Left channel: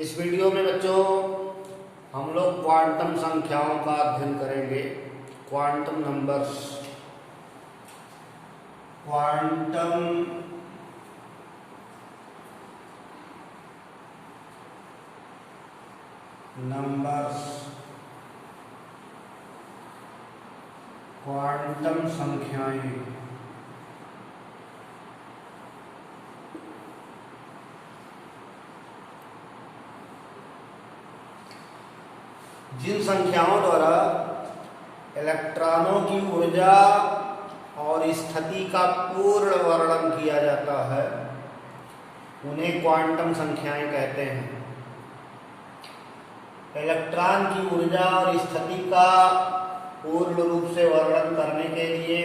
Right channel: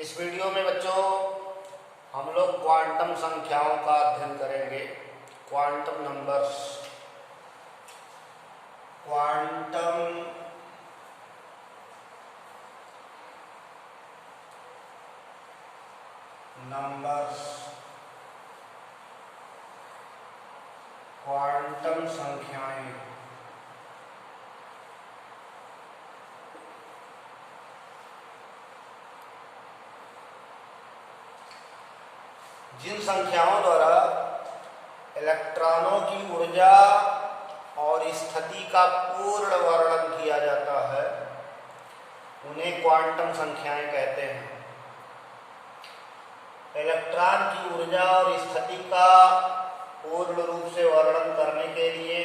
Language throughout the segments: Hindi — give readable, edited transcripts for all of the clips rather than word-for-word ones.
इस वीडियो में बच्चों हम लोग क्वांटम संख्याओं का अध्ययन करेंगे। Quantum numbers, quantum numbers, quantum संख्याएं। जिन संख्याओं द्वारा इलेक्ट्रॉनों की ऊर्जा और स्थिति का पूर्ण वर्णन किया जाता है उन्हें क्वांटम संख्याएं कहते हैं। इलेक्ट्रॉन की ऊर्जा और स्थिति का पूर्ण रूप से वर्णन करने के लिए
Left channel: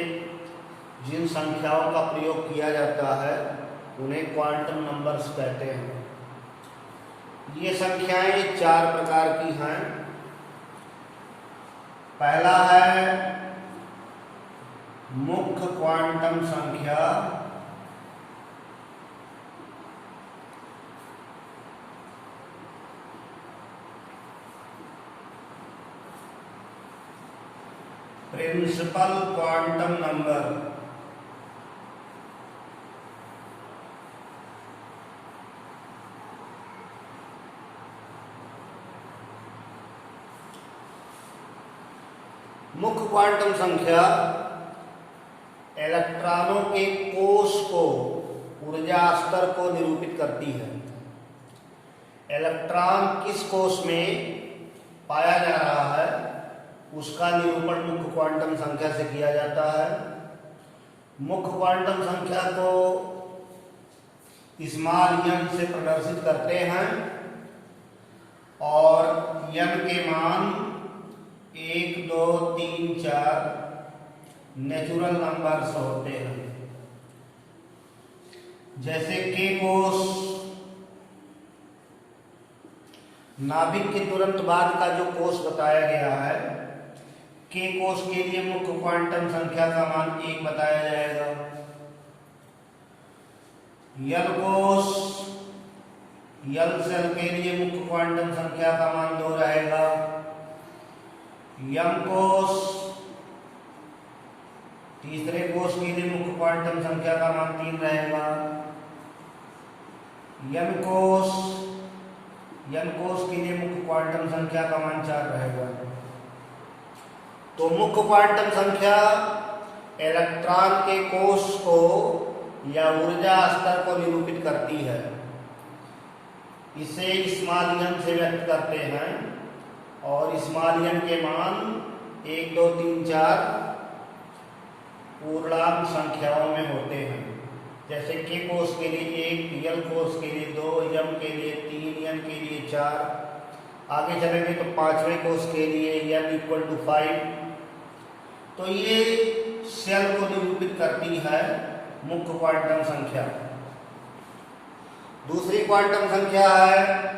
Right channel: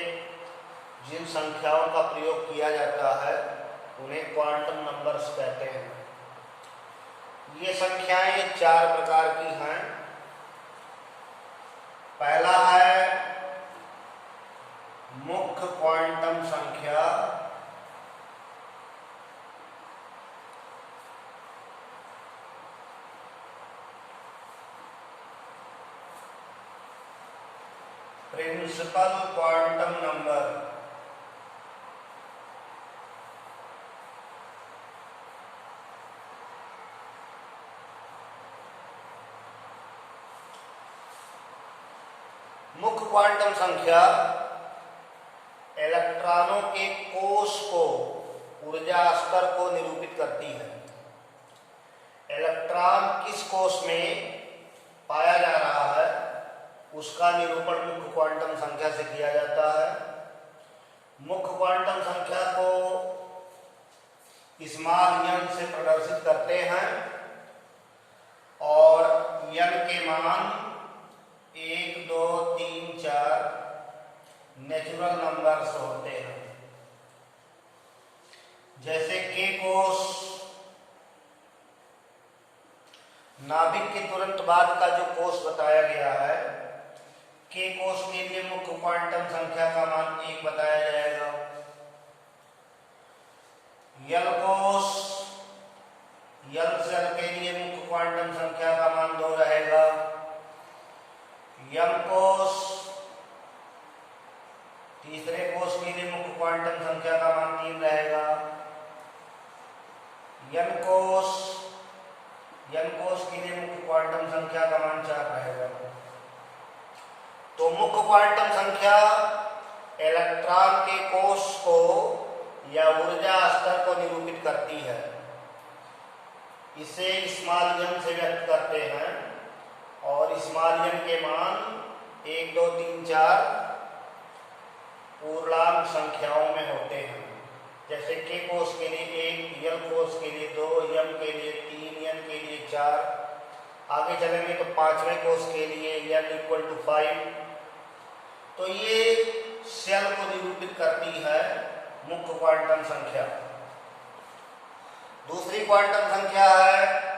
जिन संख्याओं का प्रयोग किया जाता है उन्हें क्वांटम नंबर्स कहते हैं। ये संख्याएं चार प्रकार की हैं। पहला है मुख्य क्वांटम संख्या, प्रिंसिपल क्वांटम नंबर। मुख्य क्वांटम संख्या इलेक्ट्रॉनों के कोष को, ऊर्जा स्तर को निरूपित करती है। इलेक्ट्रॉन किस कोष में पाया जा रहा है उसका निरूपण मुख्य क्वांटम संख्या से किया जाता है। मुख्य क्वांटम संख्या को स्मॉल n से प्रदर्शित करते हैं और n के मान 1, 2, 3, 4 नेचुरल नंबर्स होते हैं। जैसे के कोष, नाभिक के तुरंत बाद का जो कोष बताया गया है, के कोष के लिए मुख्य क्वांटम संख्या का मान 1 बताया जाएगा। यल कोष, यल सेल के लिए मुख्य क्वांटम संख्या का मान 2 रहेगा। यम कोष, तीसरे कोष के लिए मुख्य क्वांटम संख्या का मान 3 रहेगा। यम कोष, यम कोष के लिए मुख्य क्वांटम संख्या का मान 4 रहेगा। तो मुख्य क्वांटम संख्या इलेक्ट्रॉन के कोष को या ऊर्जा स्तर को निरूपित करती है। इसे स्मॉल n से व्यक्त करते हैं और स्मॉल n के मान 1, 2, 3, 4 पूर्णांक संख्याओं में होते हैं। जैसे के कोष के लिए 1, यल कोष के लिए 2, यम के लिए 3, यम के लिए 4। आगे चलेंगे तो पांचवें कोष के लिए n = 5। तो ये सेल को निरूपित करती है मुख्य क्वांटम संख्या। दूसरी क्वांटम संख्या है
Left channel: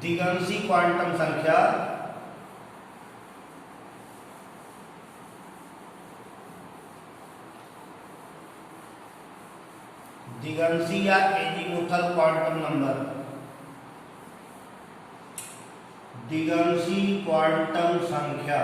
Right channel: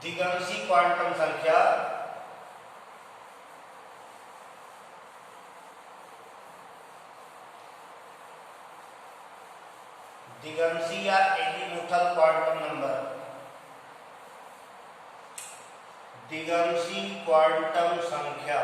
द्विअंशी क्वांटम संख्या। द्विअंशी या एजीमुथल क्वांटम नंबर। द्विअंशी क्वांटम संख्या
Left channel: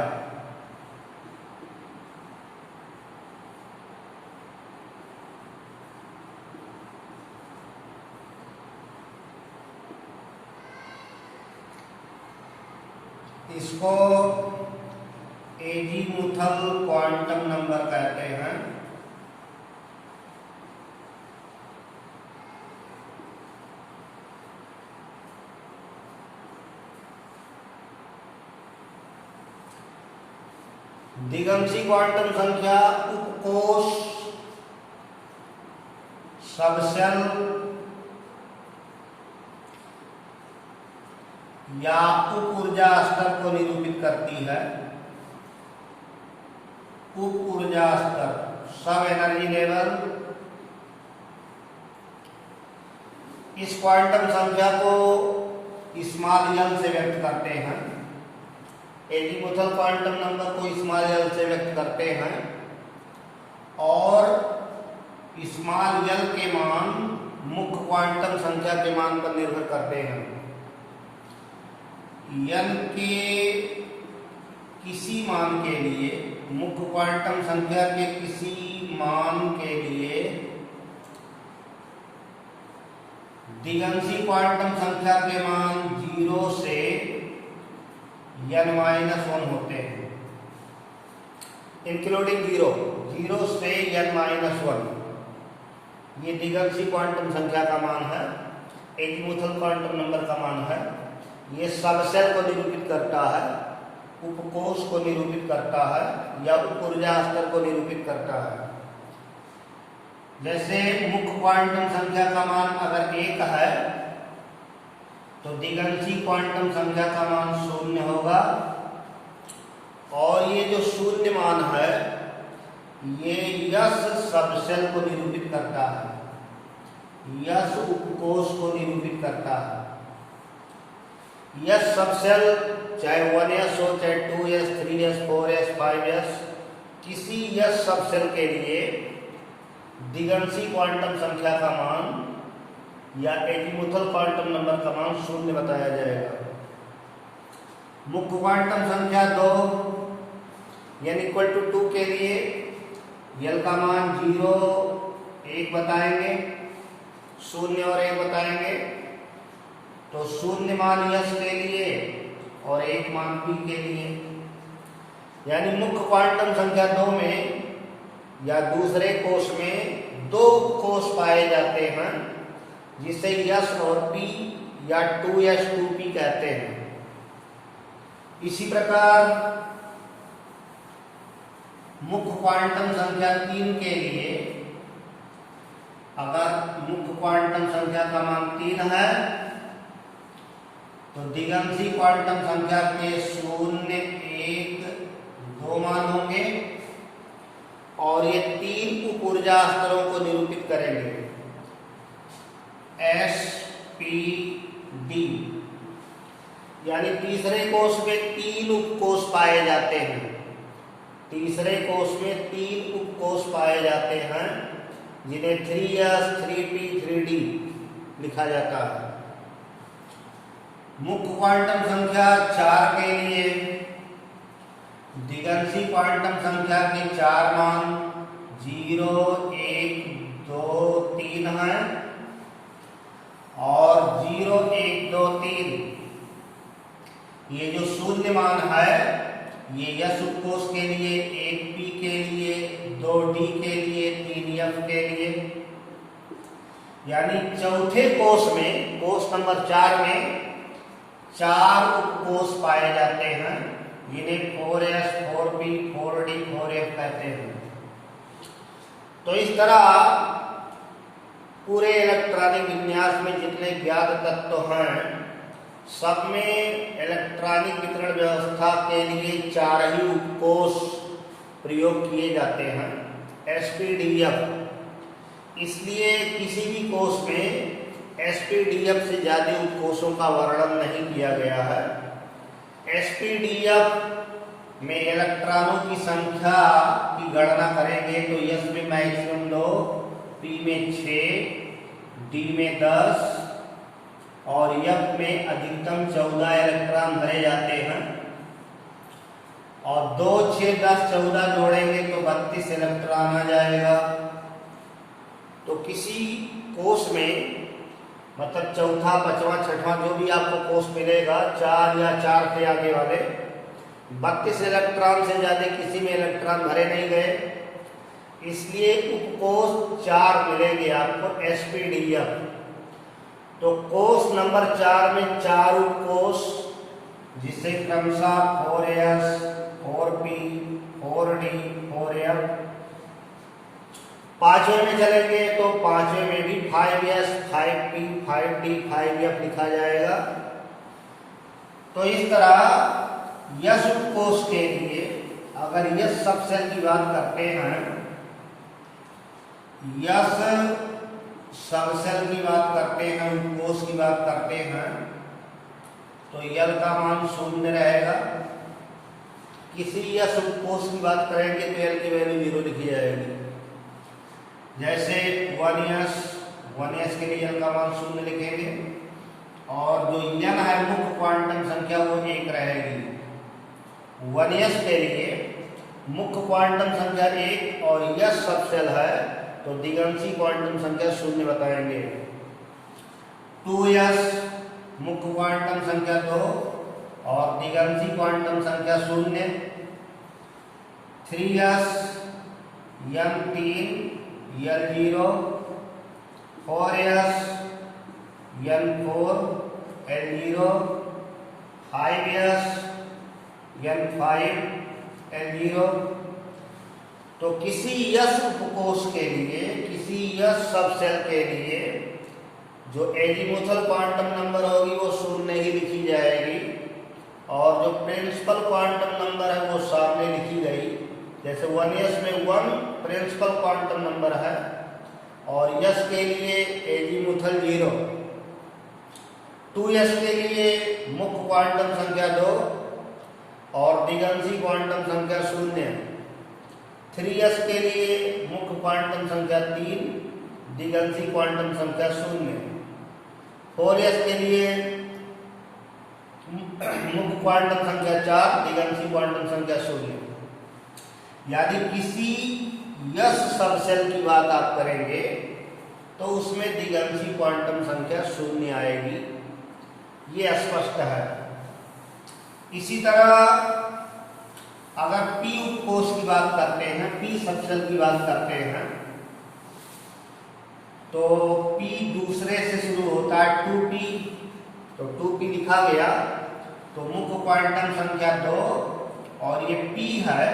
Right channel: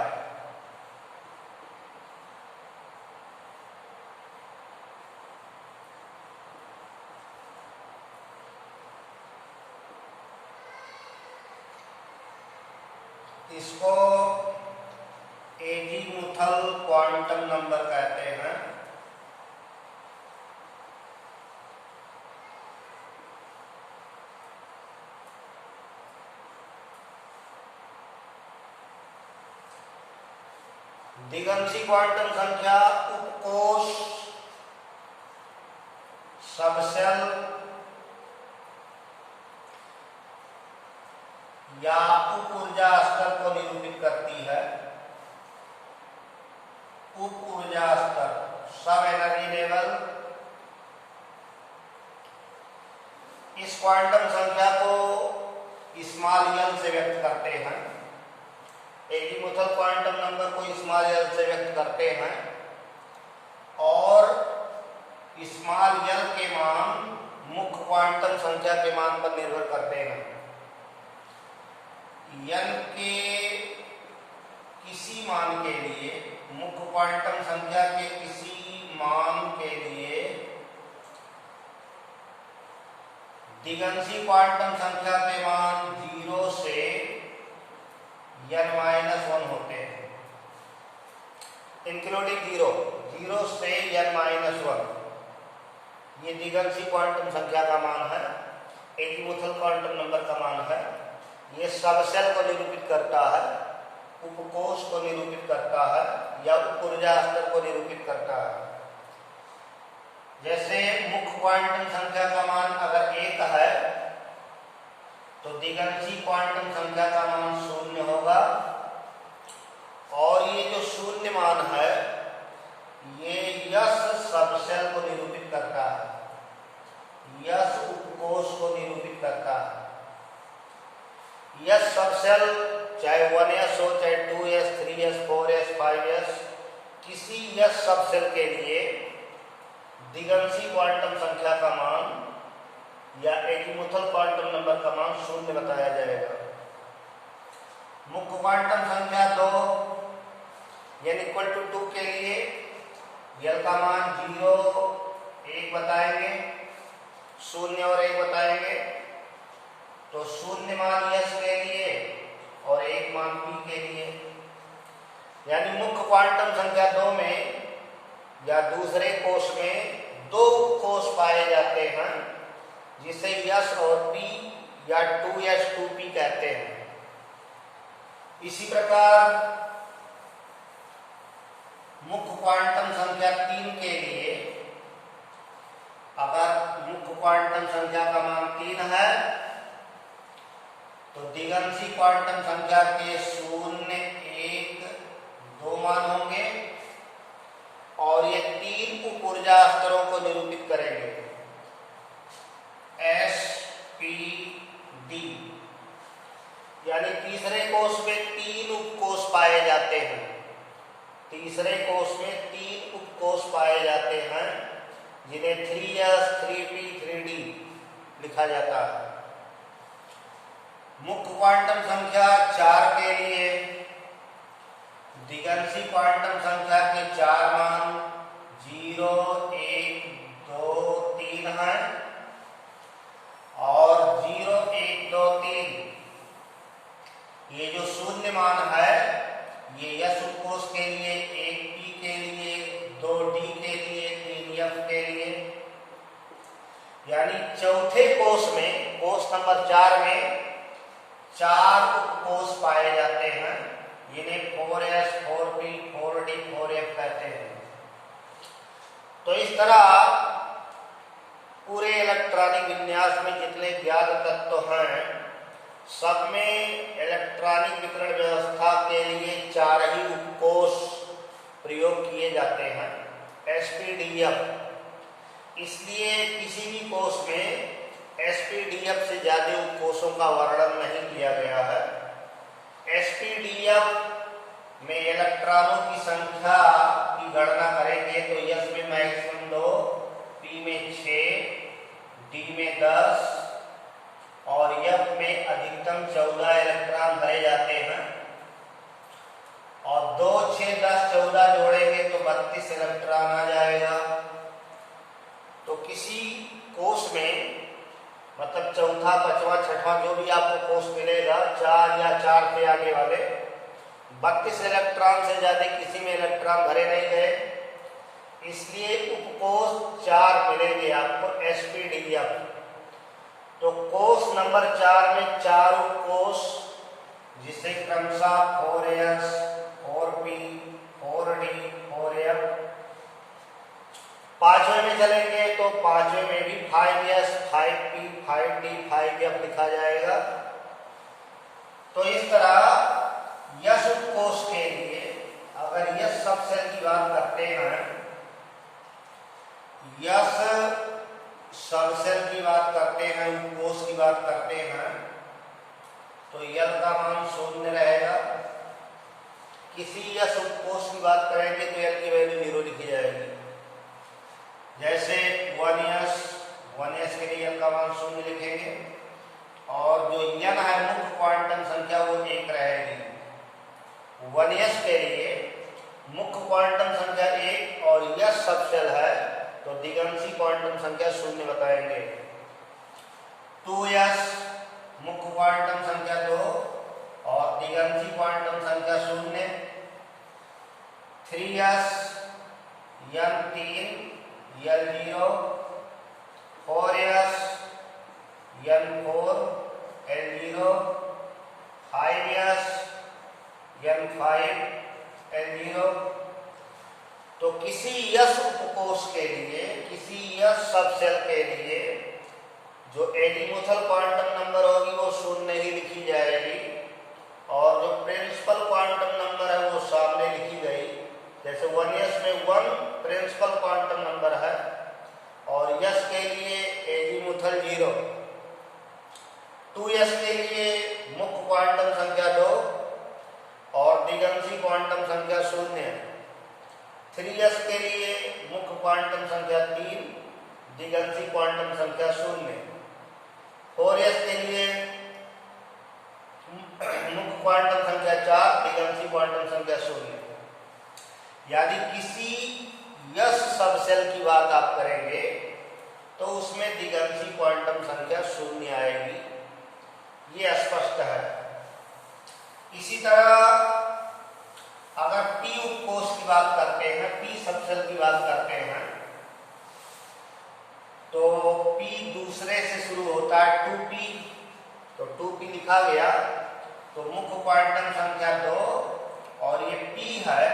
इसको एजीमुथल क्वांटम नंबर कहते हैं। द्विअंशी क्वांटम संख्या उपकोष, सबसेल या उप ऊर्जा स्तर को निरूपित करती है। उप ऊर्जा स्तर, सब एनर्जी लेवल। इस क्वांटम संख्या को स्मॉल n से व्यक्त करते हैं। एजीमुथल क्वांटम नंबर को स्मॉल n से व्यक्त करते हैं और स्मॉल n के मान मुख्य क्वांटम संख्या के मान पर निर्भर करते हैं। n के किसी मान के लिए, मुख्य क्वांटम संख्या के किसी मान के लिए दिगंशी क्वांटम संख्या के मान 0 से n-1 होते हैं, इंक्लूडिंग 0 से n-1। ये दिगंशी क्वांटम संख्या का मान है, एजीमुथल क्वांटम नंबर का मान है। ये सबसेल को निरूपित करता है, उपकोष को निरूपित करता है, या उप ऊर्जा स्तर को निरूपित करता है। जैसे मुख्य क्वांटम संख्या का मान अगर 1 है तो दिगंशी क्वांटम संख्या का मान 0 होगा, और ये जो 0 मान है ये यस सबसेल को निरूपित करता है, यस उपकोष को निरूपित करता है। यस सबसेल चाहे 1s हो, चाहे 2s, 3s, 4s, 5s, किसी यस सबसेल के लिए दिगंशी क्वांटम संख्या का मान या एजीमुथल क्वांटम नंबर का मान 0 बताया जाएगा। मुख्य क्वांटम संख्या 2 n = 2 के लिए यल का मान 0, 1 बताएंगे, 0 और 1 बताएंगे। तो 0 मान यस के लिए और 1 मान पी के लिए, यानी मुख्य क्वांटम संख्या 2 में या दूसरे कोष में 2 कोष पाए जाते हैं जिसे यस और पी या 2s 2p कहते हैं। इसी प्रकार मुख्य क्वांटम संख्या 3 के लिए अगर मुख्य क्वांटम संख्या का मान 3 है तो दिगंशी क्वांटम संख्या के 0, 1, 2 मान होंगे, और ये 3 उप ऊर्जा स्तरों को निरूपित करेंगे, S, P, D। यानी तीसरे कोष में 3 उपकोष पाए जाते हैं, तीसरे कोष में 3 उपकोष पाए जाते हैं जिन्हें 3s, 3p, 3d लिखा जाता है। मुख्य क्वांटम संख्या 4 के लिए दिगंशी क्वांटम संख्या के 4 मान 0, 1, 2, 3 हैं, और 0, 1, 2, 3 ये जो 0 मान है ये यस उपकोष के लिए, 1p के लिए, 2d के लिए, 3f के लिए। यानी चौथे कोष में, कोष नंबर 4 में 4 उपकोष पाए जाते हैं जिन्हें 4s, 4p, 4d, 4f कहते हैं। तो इस तरह पूरे इलेक्ट्रॉनिक विन्यास में जितने ज्ञात तत्व हैं सब में इलेक्ट्रॉनिक वितरण व्यवस्था के लिए 4 ही उपकोष प्रयोग किए जाते हैं, sp-df। इसलिए किसी भी कोष में sp-df से ज्यादा उपकोषों का वर्णन नहीं किया गया है। sp-df में इलेक्ट्रॉनों की संख्या की गणना करेंगे तो s में मैक्सिमम 2, p में 6, d में 10 और f में अधिकतम 14 इलेक्ट्रॉन भरे जाते हैं, और 2, 6, 10, 14 जोड़ेंगे तो 32 इलेक्ट्रॉन आ जाएगा। तो किसी कोष में मतलब चौथा, 5वां, 6वां जो भी आपको कोष मिलेगा, 4 या 4 से आगे वाले 32 इलेक्ट्रॉन से ज्यादा किसी में इलेक्ट्रॉन भरे नहीं गए, इसलिए उपकोष 4 मिलेंगे आपको sp-df। तो कोष नंबर 4 में 4 उपकोष जिसे क्रमशः 4s, 4p, 4d, 4f। 5वें में चलेंगे तो 5वें में भी 5s, 5p, 5d, 5f लिखा जाएगा। तो इस तरह यस उपकोष के लिए अगर यस सबसेल की बात करते हैं, यस सबसेल की बात करते हैं, उपकोष की बात करते हैं, तो यल का मान 0 रहेगा। किसी यस उपकोष की बात करेंगे तो यल की वैल्यू 0 लिखी जाएगी। जैसे 1s के लिए यल का मान 0 लिखेंगे, और जो n है मुख्य क्वांटम संख्या वो 1 रहेगी। 1s के लिए मुख्य क्वांटम संख्या 1 और s सबसेल है तो दिगंशी क्वांटम संख्या 0 बताएंगे। 2s मुख्य क्वांटम संख्या 2 और दिगंशी क्वांटम संख्या 0। 3s n3 l0, 4s n4 l0, 5s n5 l0। तो किसी यस उपकोष के लिए, किसी यस सबसेल के लिए जो एजीमुथल क्वांटम नंबर होगी वो 0 ही लिखी जाएगी और जो प्रिंसिपल क्वांटम नंबर है वो सामने लिखी गई। जैसे 1s में 1 प्रिंसिपल क्वांटम नंबर है और यस के लिए एजीमुथल 0। 2s के लिए मुख्य क्वांटम संख्या 2 और दिगंशी क्वांटम संख्या 0। 3s के लिए मुख्य क्वांटम संख्या 3, दिगंशी क्वांटम संख्या 0। 4s के लिए मुख्य क्वांटम संख्या 4, दिगंशी क्वांटम संख्या 0। यदि किसी यस सबसेल की बात आप करेंगे तो उसमें दिगंशी क्वांटम संख्या 0 आएगी, ये स्पष्ट है। इसी तरह अगर p उपकोष की बात करते हैं, p सबसेल की बात करते हैं तो p दूसरे से शुरू होता है 2p, तो 2p लिखा गया तो मुख्य क्वांटम संख्या 2 और ये p है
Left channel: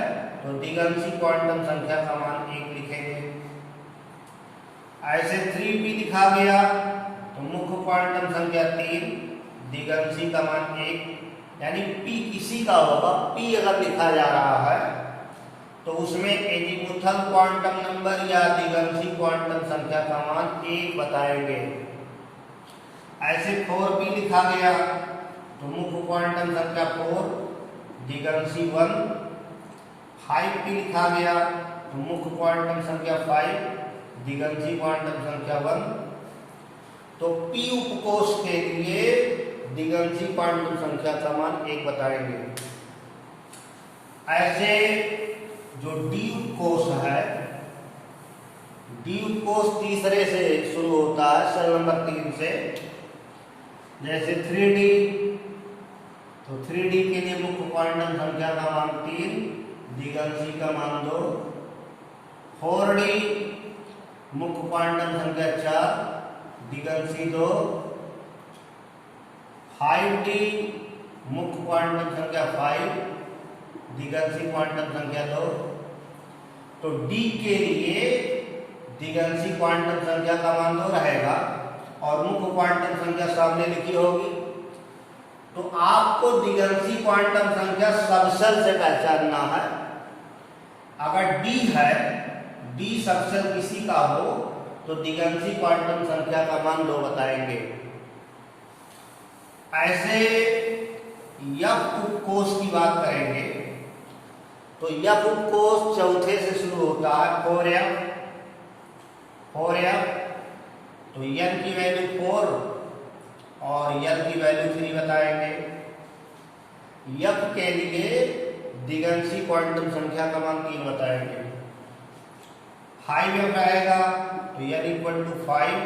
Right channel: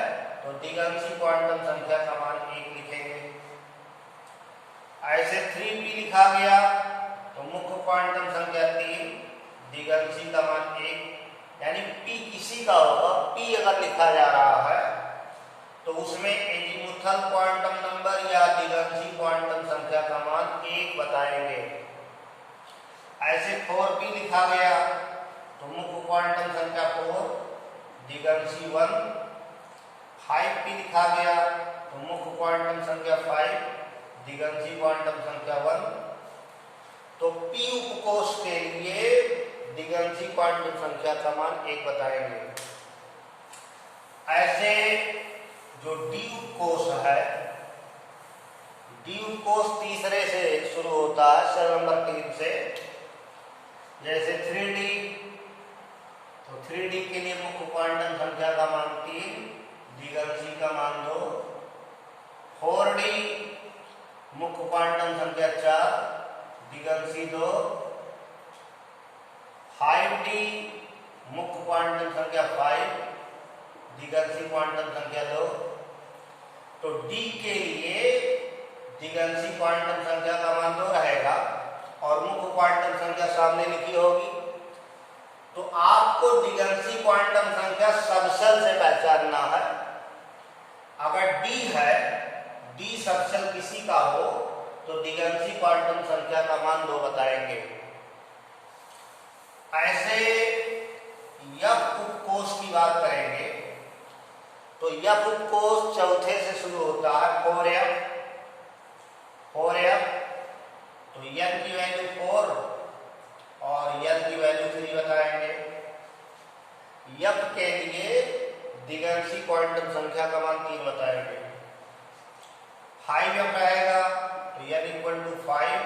तो दिगंशी क्वांटम संख्या का मान 1 लिखेंगे। ऐसे 3p लिखा गया तो मुख्य क्वांटम संख्या 3, दिगंशी का मान 1, यानी p किसी का होगा। p अगर लिखा जा रहा है तो उसमें एजीमुथल क्वांटम नंबर या दिगंशी क्वांटम संख्या का मान 1 बताएंगे। ऐसे 4p लिखा गया तो मुख्य क्वांटम संख्या 4, दिगंशी 1। 5p लिखा गया तो मुख्य क्वांटम संख्या 5, दिगंशी क्वांटम संख्या 1। तो p उपकोष के लिए दिगंशी क्वांटम संख्या का मान 1 बताएंगे। ऐसे जो d उपकोष है, d उपकोष तीसरे से शुरू होता है, सेल नंबर 3 से। जैसे 3d, तो 3d के लिए मुख्य क्वांटम संख्या का मान 3, दिगंशी का मान 2। 4d मुख्य क्वांटम संख्या 4, दिगंशी 2। 5d मुख्य क्वांटम संख्या 5, दिगंशी क्वांटम संख्या 2। तो d के लिए दिगंशी क्वांटम संख्या का मान 2 रहेगा और मुख्य क्वांटम संख्या सामने लिखी होगी। तो आपको दिगंशी क्वांटम संख्या सबसेल से पहचानना है। अगर d है, d सबसेल किसी का हो तो दिगंशी क्वांटम संख्या का मान 2 बताएंगे। ऐसे f उपकोष की बात करेंगे तो f उपकोष चौथे से शुरू होता है, 4f। 4f तो n की वैल्यू 4 और n की वैल्यू 3 बताएंगे। f के लिए दिगंशी क्वांटम संख्या का मान 3 बताएंगे। 5f रहेगा तो n equal to 5,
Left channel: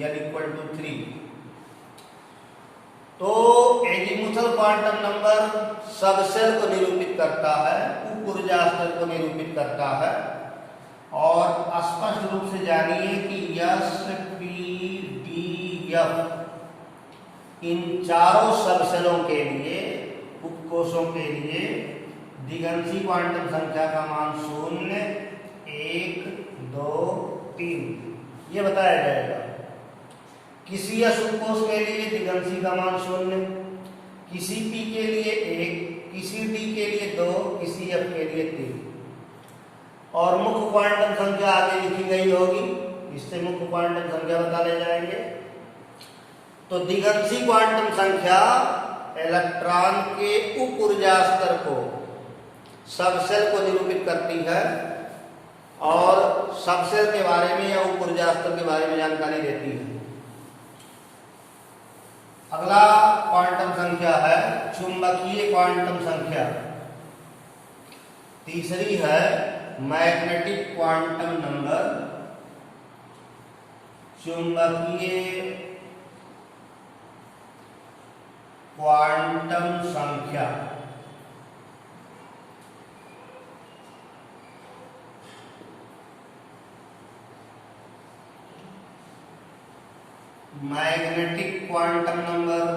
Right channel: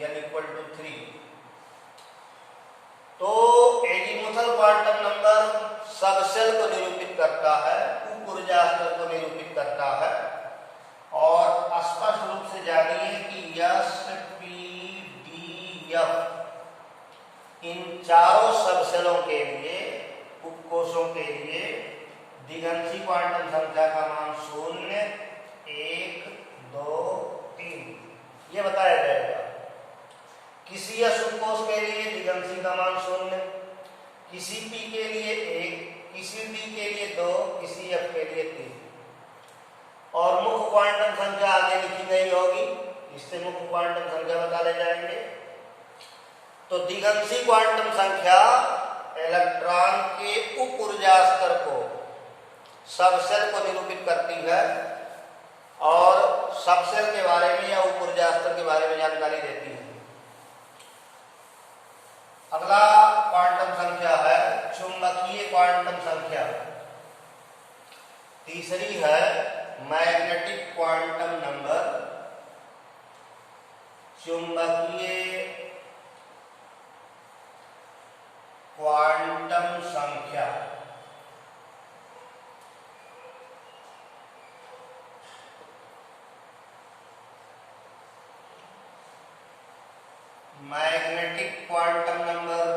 n equal to 3। तो एजीमुथल क्वांटम नंबर सबसेल को निरूपित करता है, उप ऊर्जा स्तर को निरूपित करता है। और स्पष्ट रूप से जानिए कि s, p, d, f इन चारों सबसेलों के लिए, उपकोषों के लिए दिगंशी क्वांटम संख्या का मान 0, 1, 2, 3 ये बताया जाएगा। किसी s उपकोष के लिए दिगंशी का मान 0, किसी p के लिए 1, किसी d के लिए 2, किसी f के लिए 3 और मुख्य क्वांटम संख्या आगे लिखी गई होगी, इससे मुख्य क्वांटम संख्या बता ले जाएंगे। तो दिगंशी क्वांटम संख्या इलेक्ट्रॉन के उप ऊर्जा स्तर को, सबसेल को निरूपित करती है और सबसेल के बारे में या उप ऊर्जा स्तर के बारे में जानकारी देती है। अगला क्वांटम संख्या है चुंबकीय क्वांटम संख्या। तीसरी है मैग्नेटिक क्वांटम नंबर, चुंबकीय क्वांटम संख्या। मैग्नेटिक क्वांटम नंबर,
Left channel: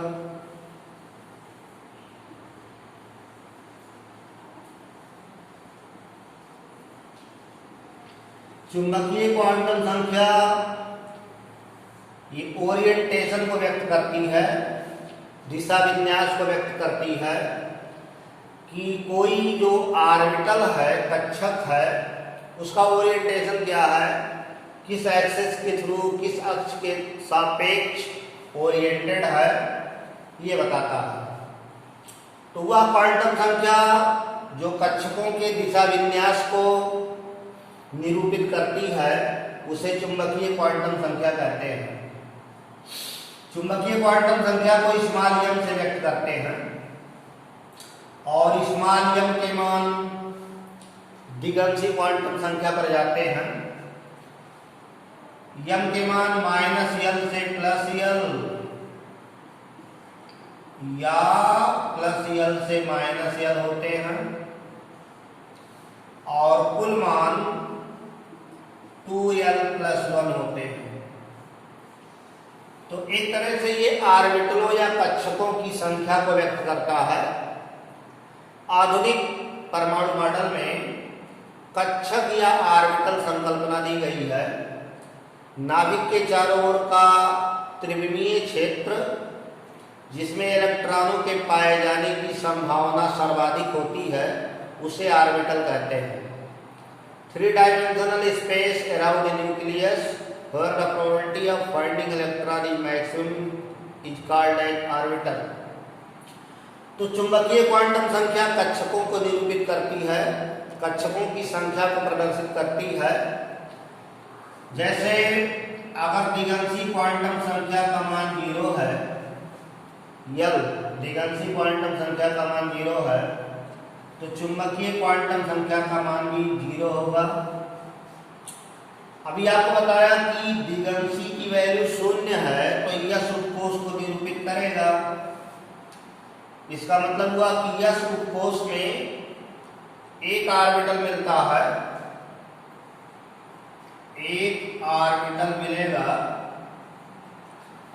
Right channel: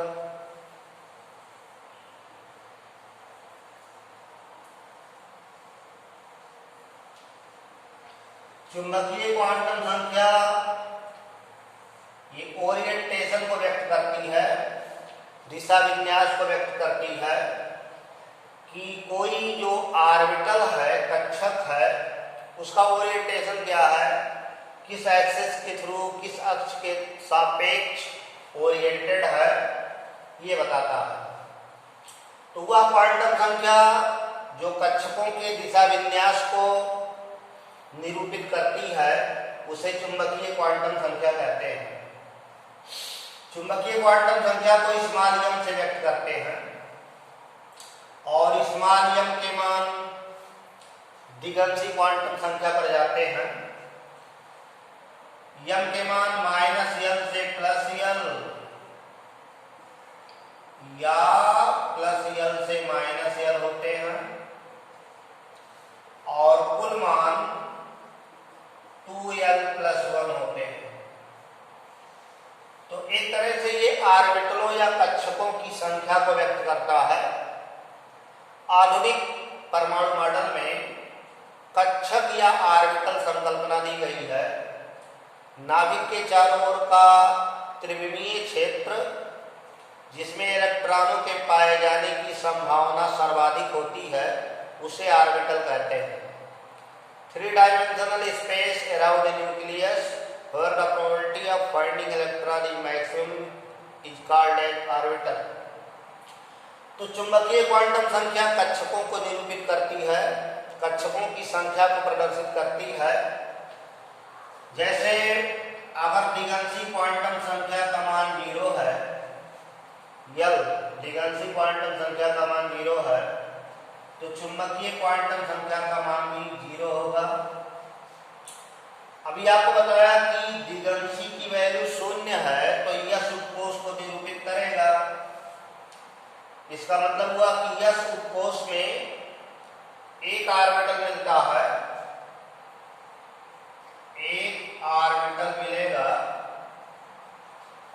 चुंबकीय क्वांटम संख्या ये ओरिएंटेशन को व्यक्त करती है, दिशा विन्यास को व्यक्त करती है कि कोई जो ऑर्बिटल है, कक्षक है, उसका ओरिएंटेशन क्या है, किस एक्सिस के थ्रू, किस अक्ष के सापेक्ष ओरिएंटेड है, ये बताता है। तो वह क्वांटम संख्या जो कक्षकों के दिशा विन्यास को निरूपित करती है उसे चुंबकीय क्वांटम संख्या कहते हैं। चुंबकीय क्वांटम संख्या को स्मॉल m से व्यक्त करते हैं और स्मॉल m के मान द्विगंशी क्वांटम संख्या पर जाते हैं। m के मान -l से +l या +l से -l होते हैं और कुल मान 2l+1 होते हैं। तो एक तरह से ये ऑर्बिटलों या कक्षकों की संख्या को व्यक्त करता है। आधुनिक परमाणु मॉडल में कक्षक या ऑर्बिटल संकल्पना दी गई है। नाभिक के चारों ओर का त्रिविमीय क्षेत्र जिसमें इलेक्ट्रॉनों के पाए जाने की संभावना सर्वाधिक होती है उसे ऑर्बिटल कहते हैं। 3-dimensional space around a nucleus where the probability of finding electron is maximum is called an orbital। तो चुंबकीय क्वांटम संख्या कक्षकों को निरूपित करती है, कक्षकों की संख्या को प्रदर्शित करती है। जैसे अगर द्विगंशी क्वांटम संख्या का मान 0 है, L द्विगंशी क्वांटम संख्या का मान 0 है, तो चुंबकीय क्वांटम संख्या का मान भी 0 होगा। अभी आपको बताया कि द्विगंशी की वैल्यू 0 है तो यस उपकोष को निरूपित करेगा। इसका मतलब हुआ कि यस उपकोष में एक ऑर्बिटल मिलता है, एक ऑर्बिटल मिलेगा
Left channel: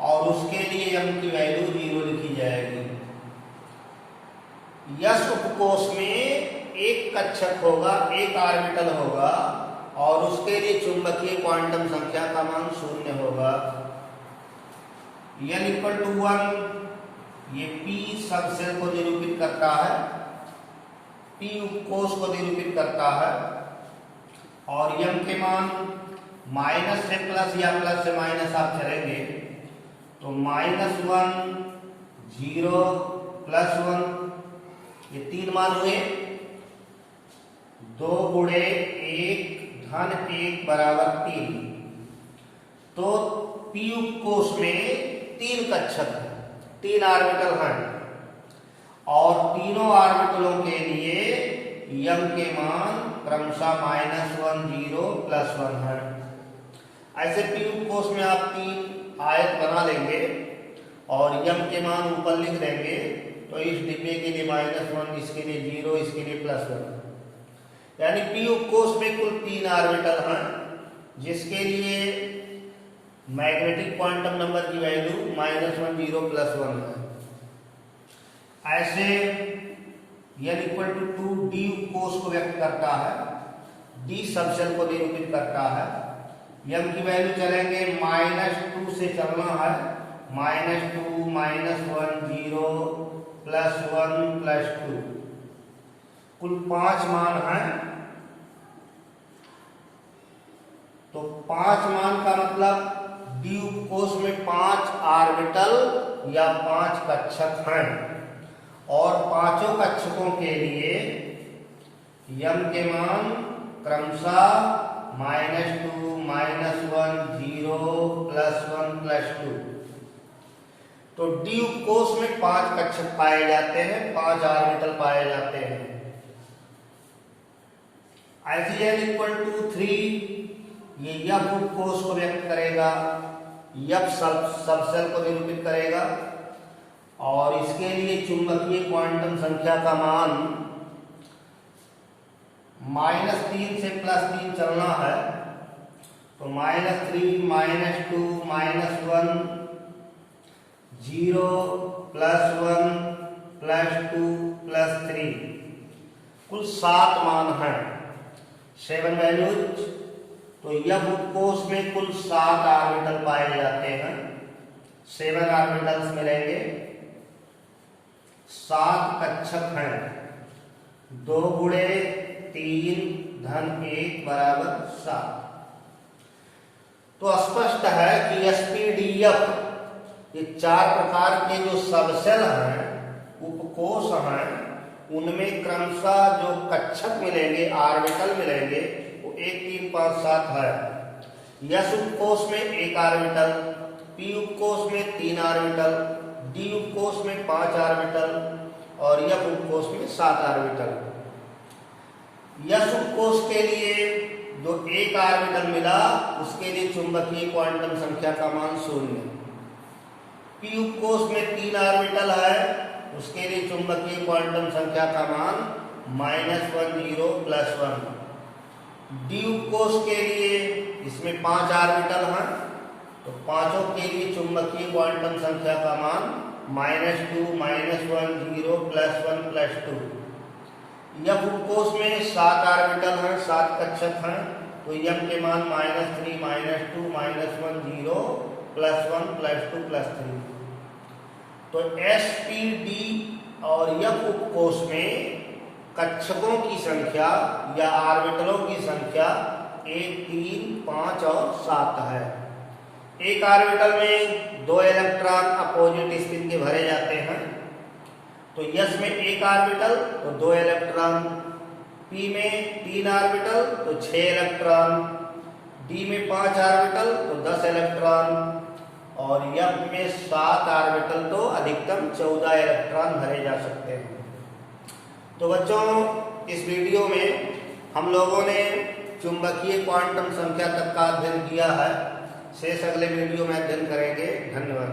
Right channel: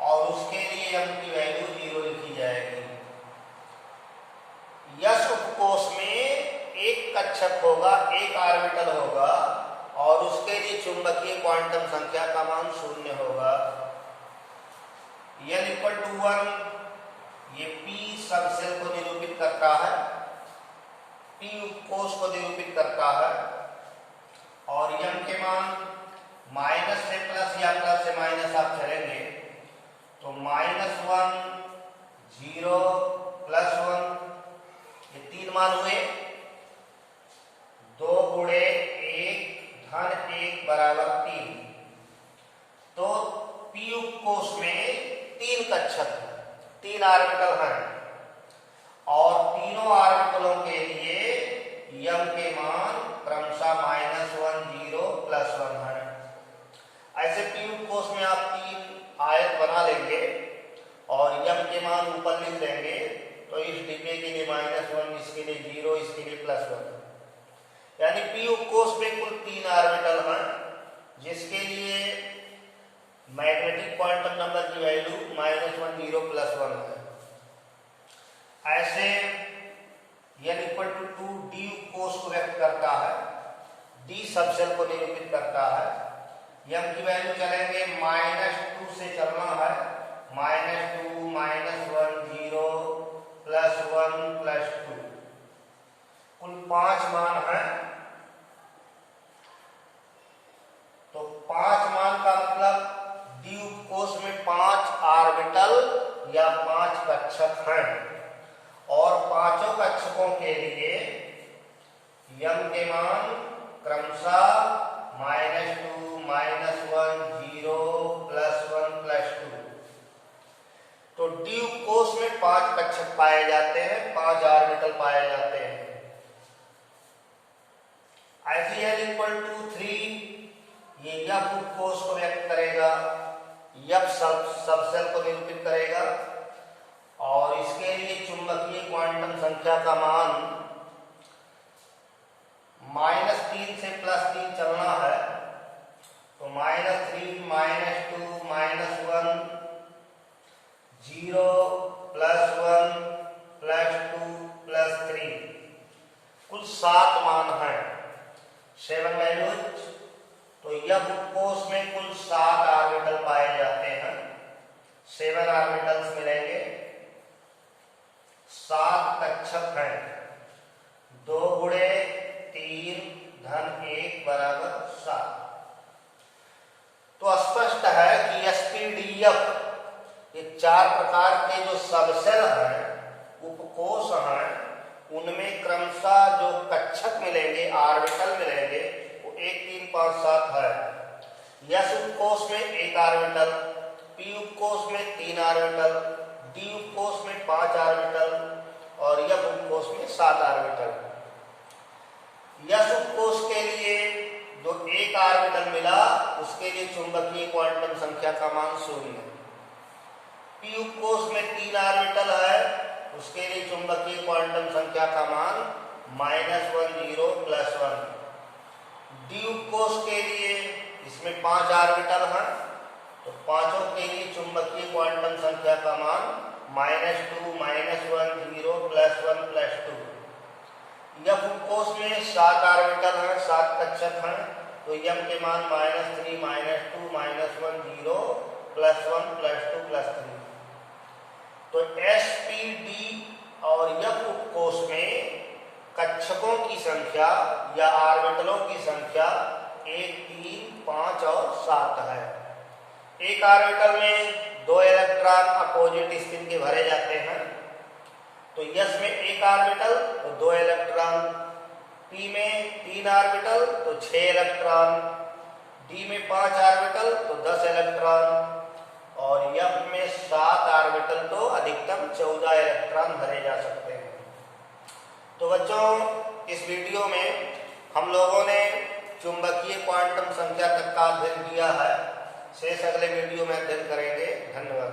और उसके लिए m की वैल्यू 0 लिखी जाएगी। यस उपकोष में एक कक्षक होगा, एक ऑर्बिटल होगा और उसके लिए चुंबकीय क्वांटम संख्या का मान 0 होगा। n = 1 ये p सबसेल को निरूपित करता है, p उपकोष को निरूपित करता है और m के मान माइनस से प्लस या प्लस से माइनस आप चलेंगे तो -1 0 +1 ये 3 मान हुए। 2 × 1 धन 1 बराबर 3। तो p उपकोष में 3 कक्षक हैं, 3 ऑर्बिटल हैं और तीनों ऑर्बिटलों के लिए m के मान क्रमशः -1 0 +1 है। ऐसे p उपकोष में आप 3 आयत बना लेंगे और m के मान ऊपर लिख देंगे तो इस डिब्बे के लिए -1, इसके लिए 0, इसके लिए +1। यानी p उपकोष में कुल 3 ऑर्बिटल हैं जिसके लिए मैग्नेटिक क्वांटम नंबर की वैल्यू -1 0 +1 है। ऐसे n = 2 d उपकोष को व्यक्त करता है, d सबसेल को निरूपित करता है। m की वैल्यू चलेंगे -2 से चलना है, -2 -1 0 +1 +2 कुल 5 मान हैं। तो 5 मान का मतलब d उपकोष में 5 ऑर्बिटल या 5 कक्षक हैं और पांचों कक्षकों के लिए m के मान क्रमशः -2 -1 0 +1 +2। तो डी उपकोष में 5 कक्षक पाए जाते हैं, 5 ऑर्बिटल पाए जाते हैं। Fn इक्वल टू 3 ये यफ उपकोष को व्यक्त करेगा, यफ सबसेल को निरूपित करेगा और इसके लिए चुंबकीय क्वांटम संख्या का मान -3 से +3 चलना है। तो -3 -2 -1 0 +1 +2 +3 कुल 7 मान हैं, 7 वैल्यूज। तो यह उपकोष में कुल 7 ऑर्बिटल पाए जाते हैं, 7 ऑर्बिटल्स मिलेंगे, 7 कक्षक हैं, 2 गुणे 3 धन 1 बराबर 7। तो स्पष्ट है कि एसपीडीएफ ये 4 प्रकार के जो सबसेल हैं, उपकोष हैं, उनमें क्रमशः जो कक्षक मिलेंगे, ऑर्बिटल मिलेंगे, वो 1 3 5 7 है। एस उपकोष में 1 ऑर्बिटल, पी उपकोष में 3 ऑर्बिटल, डी उपकोष में 5 ऑर्बिटल और एफ उपकोष में 7 ऑर्बिटल। एस उपकोष के लिए जो 1 ऑर्बिटल मिला उसके लिए चुंबकीय क्वांटम संख्या का मान 0। पी उपकोष में 3 ऑर्बिटल है, उसके लिए चुंबकीय क्वांटम संख्या का मान -1 0 +1। डी उपकोष के लिए इसमें 5 ऑर्बिटल हैं, तो पांचों के लिए चुंबकीय क्वांटम संख्या का मान -2 -1 0 +1 +2। यफ उपकोष में 7 ऑर्बिटल हैं, 7 कक्षक हैं, तो यम के मान -3 -2 -1 0 +1 +2 +3। तो एसपीडी और यफ उपकोष में कक्षकों की संख्या या ऑर्बिटलों की संख्या 1 3 5 और 7 है। एक ऑर्बिटल में 2 इलेक्ट्रॉन अपोजिट स्पिन के भरे जाते हैं, तो यस में 1 ऑर्बिटल तो 2 इलेक्ट्रॉन, पी में 3 ऑर्बिटल तो 6 इलेक्ट्रॉन, डी में 5 ऑर्बिटल तो 10 इलेक्ट्रॉन और एफ में 7 ऑर्बिटल तो अधिकतम 14 इलेक्ट्रॉन भरे जा सकते हैं। तो बच्चों, इस वीडियो में हम लोगों ने चुंबकीय क्वांटम संख्या तक का अध्ययन किया है। शेष अगले वीडियो में अध्ययन करेंगे। धन्यवाद।